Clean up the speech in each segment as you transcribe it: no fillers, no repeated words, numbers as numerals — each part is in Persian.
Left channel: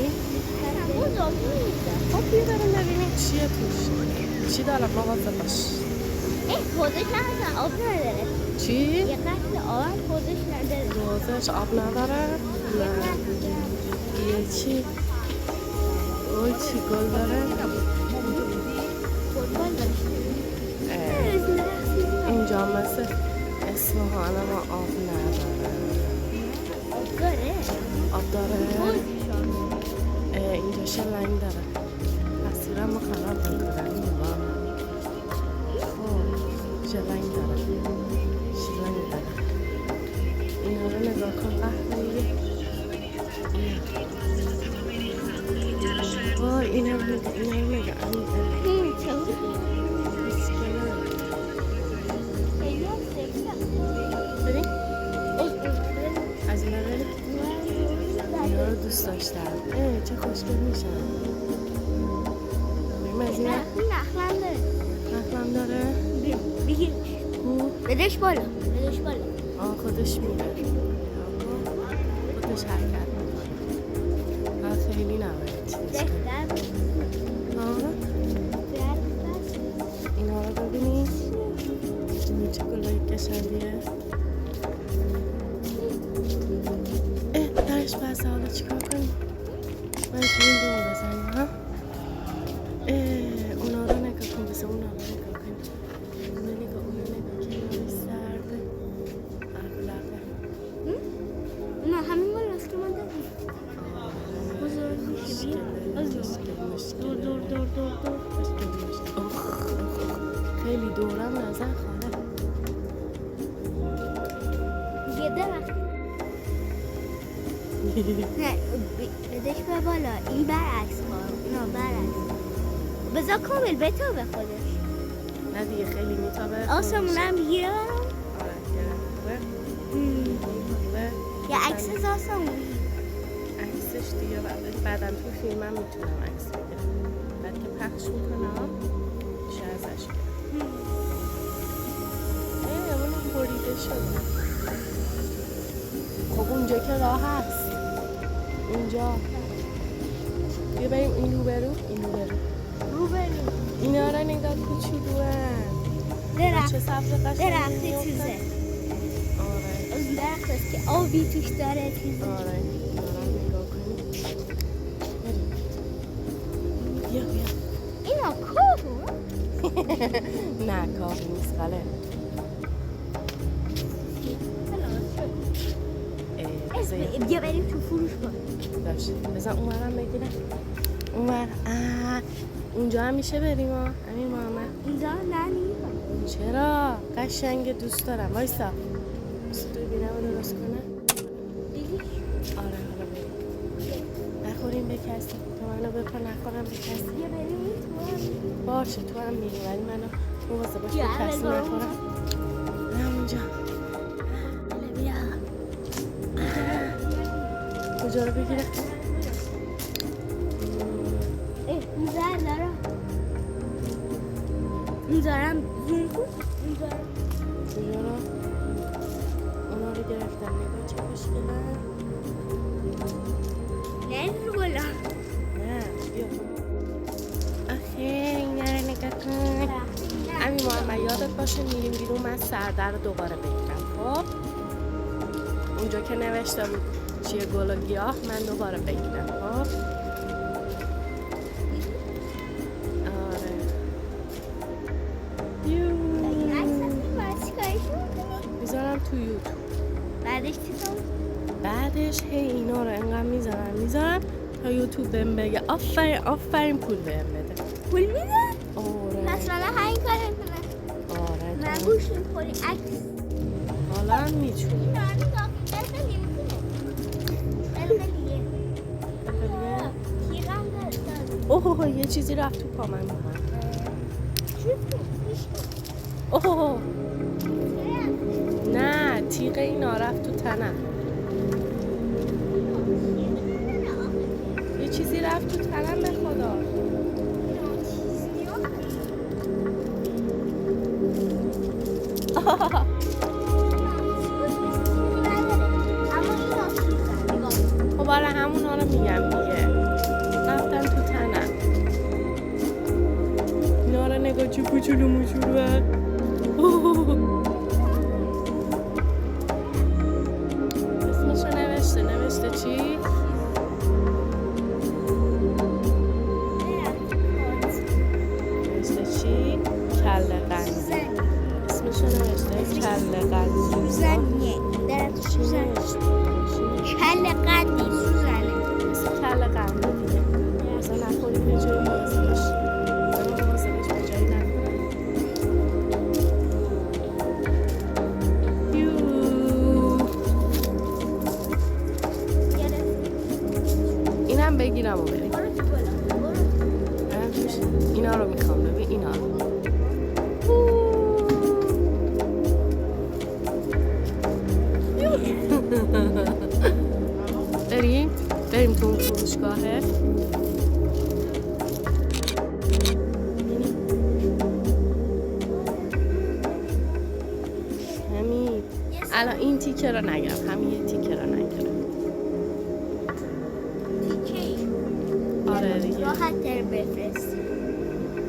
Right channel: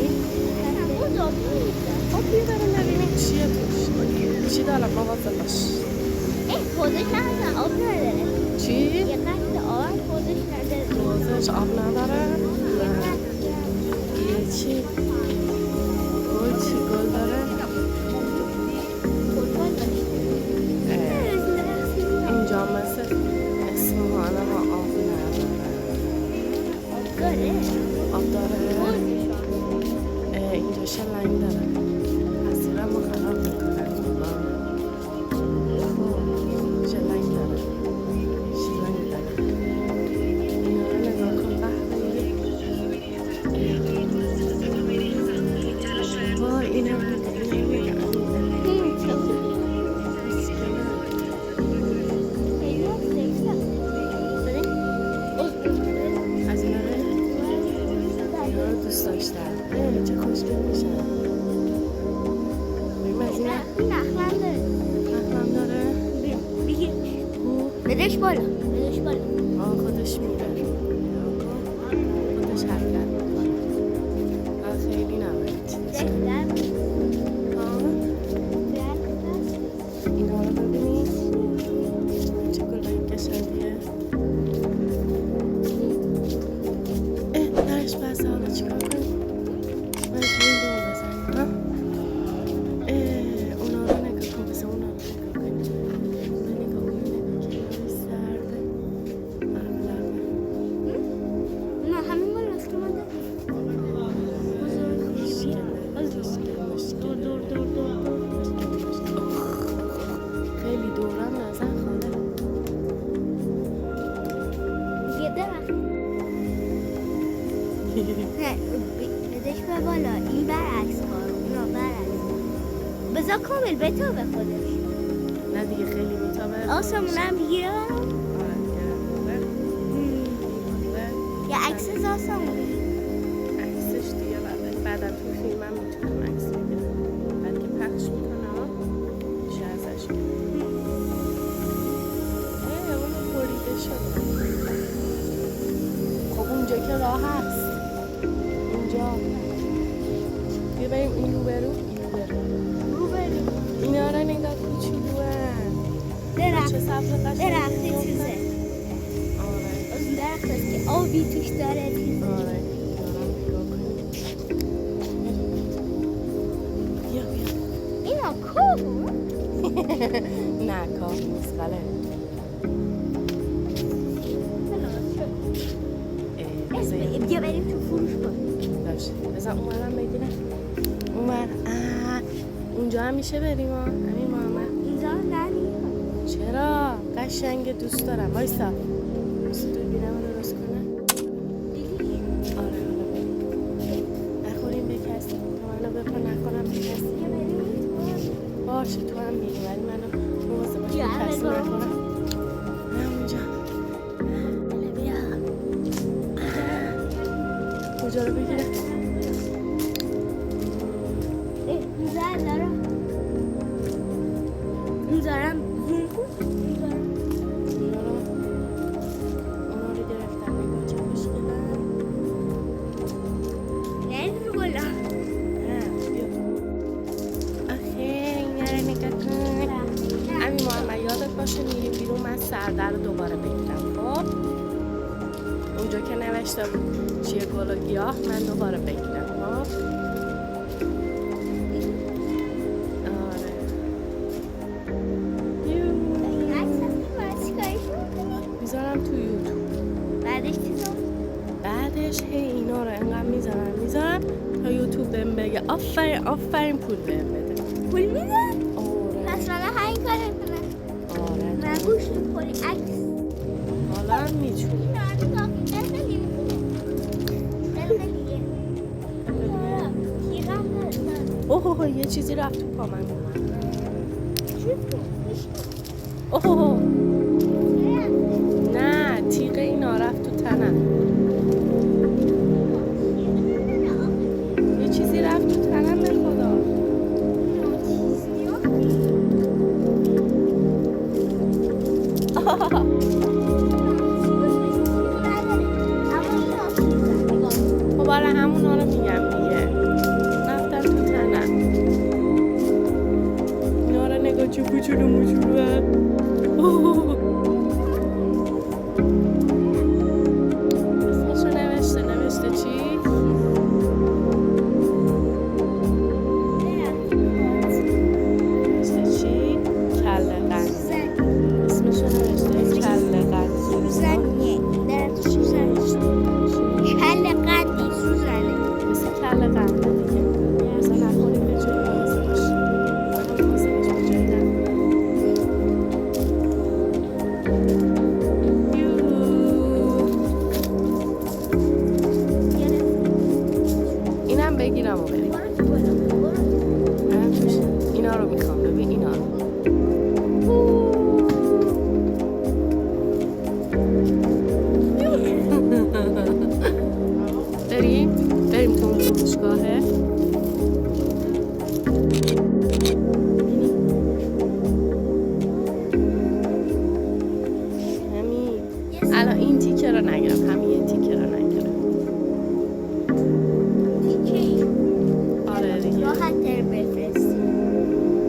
ببین خب بیا بریم ببینیم چیه توش چی دارم مواظب باش حوزش نداره آب نداره چی؟ یه قتل آب حوزش نداره حوزش آب نداره؟ نه یه چی؟ گل چی گل داره؟ فوتبال داشته اینجا مثل اصفهان ما آب نداره آب داره؟ آب داره؟ اینجا شلنگ داره تصویرم رو خراب میکنن خب شلنگ داره اینا رو نگاه کن قهوه‌ای وای اینا رو نگاه بریم از اینا بریم اینا رو دوست داشتم چه خوشگل میشن بریم از اینا نخلم داره بگیر بدش بالا خودش میره خودش حرکت میکنه خیلی نباید اینا رو ببینید چه گلایی قشنگیه درش بسته حالا چیکار کنیم مجبوریم دور بزنیم ها اونا رو نگاه کن بسه اونا رو نگاه کنیم اونا نگاه کنیم سرده ابلغه نه همین بالا است که من داریم دور خیلی دورم نزن خاله یه درخت نه بدش به بالا این برعکس کار اونا برعکس بذار کامل بتابه خودش نه دیگه خیلی میتابه آسمون هم بگیره برام آره گره یا عکس از آسمون بگیر عکسش دیگه بعدا تو فیلمم میتونم عکس بگیرم بعد که پخش میکنم میشه ازش گرم اون بریده شده خب اونجا که راه هست اونجا بیا بریم این رو برو اینا را نگاه کوچولو درخت چه سبز قشنگی درختی چیزه آره از درخت است که آبی توش داره چیزه آره دارم نگاه کنیم بیا اینا کوه نه کاه نیست غلط بیا بریم تو فروش کن باشه بذار اونورم بگیرم اونور اونجا هم میشه بریم امیر محمد اینجا نه چرا قشنگ دوست دارم وایسا تو بینم درست کنه آره حالا بریم نخوریم به کسی تو منو بپا نخورم به کسی باشه تو هم میری ولی منو موازه باش به کسی نخورم نه اونجا کجا رو بگیره اینجارم زوم کن اونا رو گرفتم نگاه چه خوشگلن نه رو بالا نه بیا آخه اینا رو نگاه کن امیر محمد یادت باشه میریم بیرون من سرده رو دوباره بگیرم خب اونجا که نوشته بود چیه گل و گیاه من دوباره بگیرم خب آره میذارم تو یوتیوب بعدش چیزا بعدش هی اینا رو انقدر میذارم تا یوتیوب بهم بگه آفرین پول بهم بده پول میده؟ آره پس من همین کار کنم آره من گوش میخوری عکس حالا هم میتونی اوه یه چیزی رفت تو پا من اومد اوه نه تیغ اینا رفت تو تنم یه چیزی رفت تو تنم به خدا خب همونا رو میگم دیگه. رفتن تو تنم. اینا رو نگاه چه کوچولو موچولو هست. اسمشو نوشته چی؟ نوشته چی؟ کله قندی. اسمشو نوشته کله قندی. سوزنیه. درخت سوزن. کله قندی سوزنه. مثل کله قنده دیگه. مثلا نخوریم به جای مواظب باش. من مواظب باش به جایی نخورم. اینم بگیرم و بریم. اینا رو میخوام ببین اینا رو. بریم تو اون فروشگاهه. همین الان این تیکه رو نگیرم. همین یه تیکه رو نگیرم. تیکه آره دیگه راحت تر بفرست.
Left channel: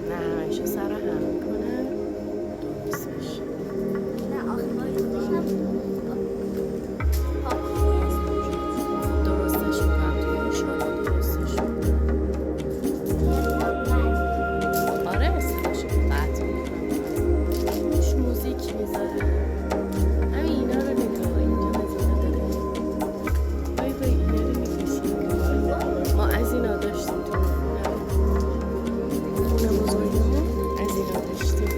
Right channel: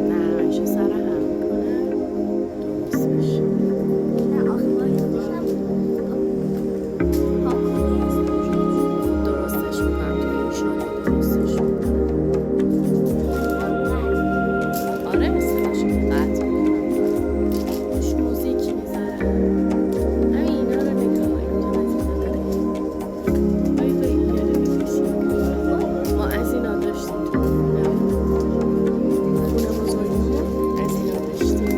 نه همیشه سر هم میکنم درست بشه. نه آخه بایدشم پاکونی هست. خب درستش میکنم تو این شادو درستش میکنم. آره استراشو که قطع میکنم. توش موزیک میذارم. همین اینا رو نگاه. اینجا مزیده داره. بای اینا رو میکشیم. ما از اینا داشتیم تو خونه بزرگمون. از اینا داشتیم.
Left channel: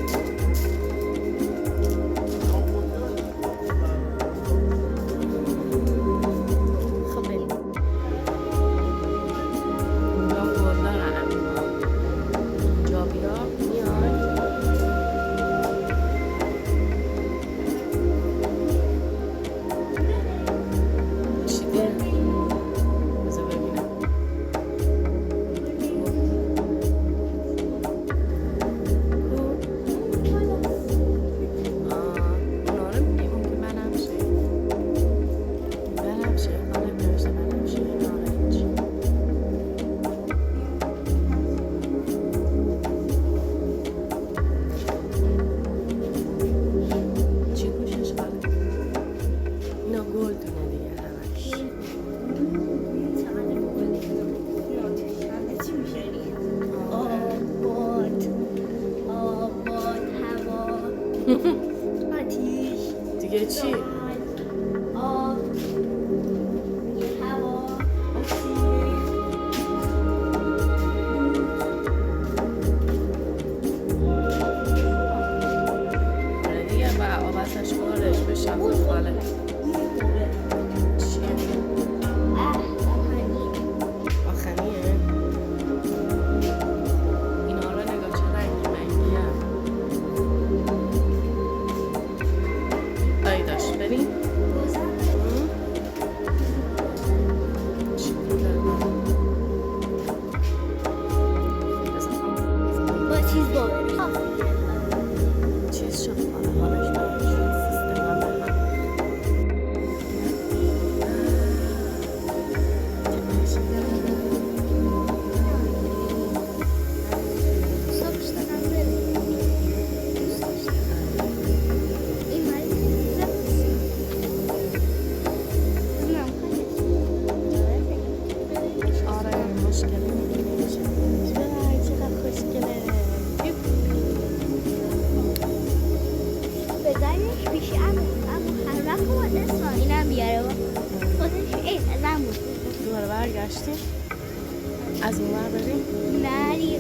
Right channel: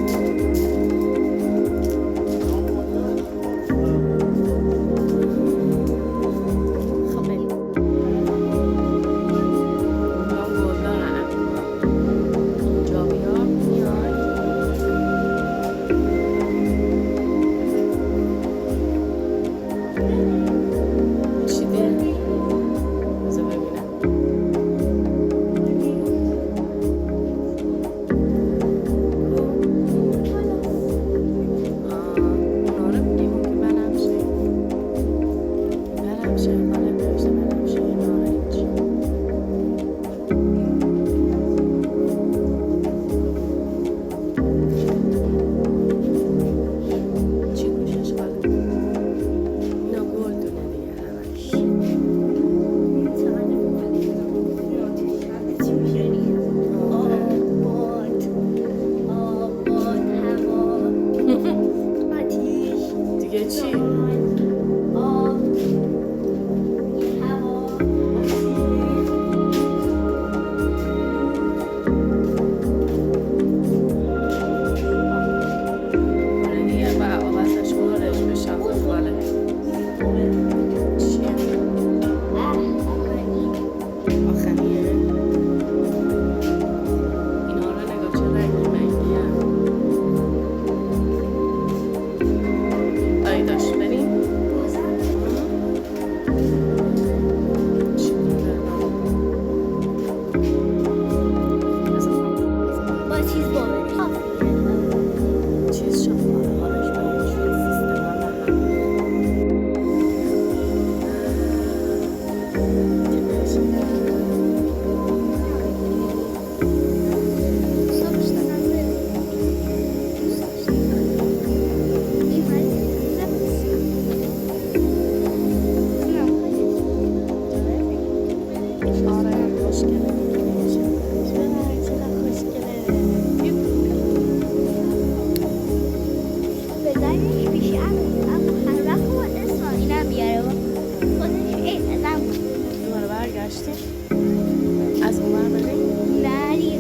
خب بریم. اونجا گل دارن. اینجا بیا میای. چی دیر؟ بذار ببینم. اونا رو میگیم که بنفشه. بنفشه خانم نوشته بنفشه نارنج. چی گوشش خاله؟ اینا گلدونه دیگه همش. آباد هوا آتیش دیگه چی؟ آب هوا اکسیژن آره دیگه با آبازش خورش بشن خاله. چیه؟ آخریه؟ اینا رو نگاه چه رنگی منگی هم. آی داشت بریم؟ چی بوده من؟ بذار با چیز باوری چیز شد حالا حالش برای شد سیستم هم به هم صبح دارم بریم این مالی آره مشکلی نمیشه. چقدر خوشگله. بزنش پیش امو هر وقت خود اسمان اینم بیاره و خودش این ازم بود دوباره برگشتیم از اون ور بریم. نه دیگه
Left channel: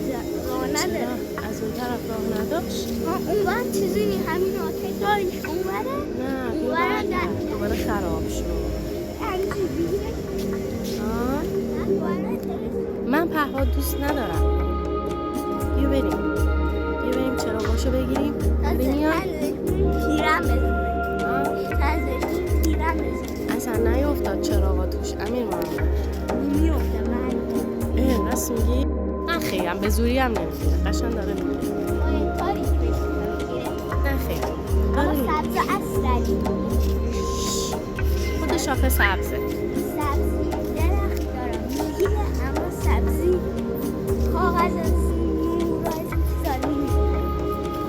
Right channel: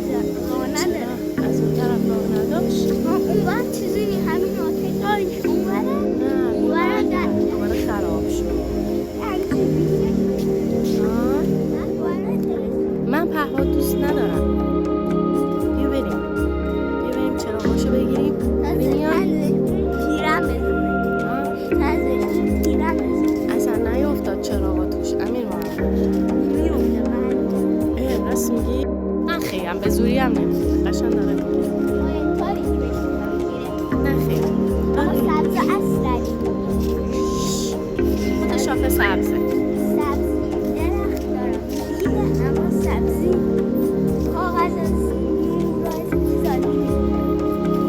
راه نداره. چرا؟ از اون طرف راه نداشت؟ اون ور چیزی نی همین آتش داریش اون وره نه اون ور دوباره خراب شد. من پهپاد دوست ندارم. بیا بریم چراغاشو بگیریم. بریم تیرم بزنه تیرم بزنه اصلا نیافتاد چراغا توش امیر محمد. میفته من راست میگی؟ نه خیلی هم به زوری هم نمیگیره. قشنگ داره میگیره. باید کاری که بشه نه خیلی اما سبز اصلی خود شاخه سبزه. سبز درخت سبزیه اما سبزی کاغذ نور از چیزا نمیده.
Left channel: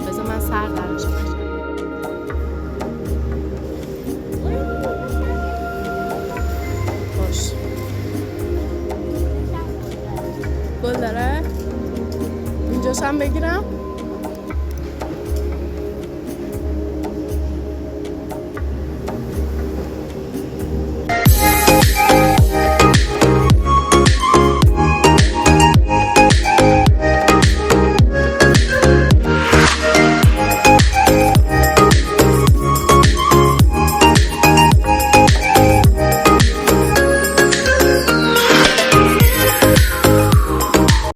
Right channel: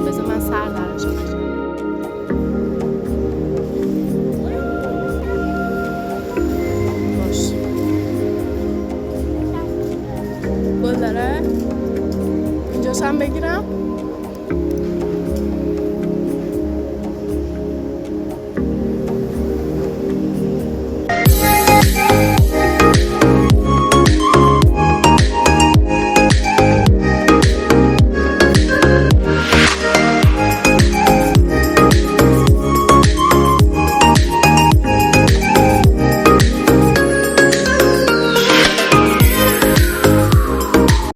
بذار من سر درشم بشم. باش گل داره؟ اینجاش هم بگیرم؟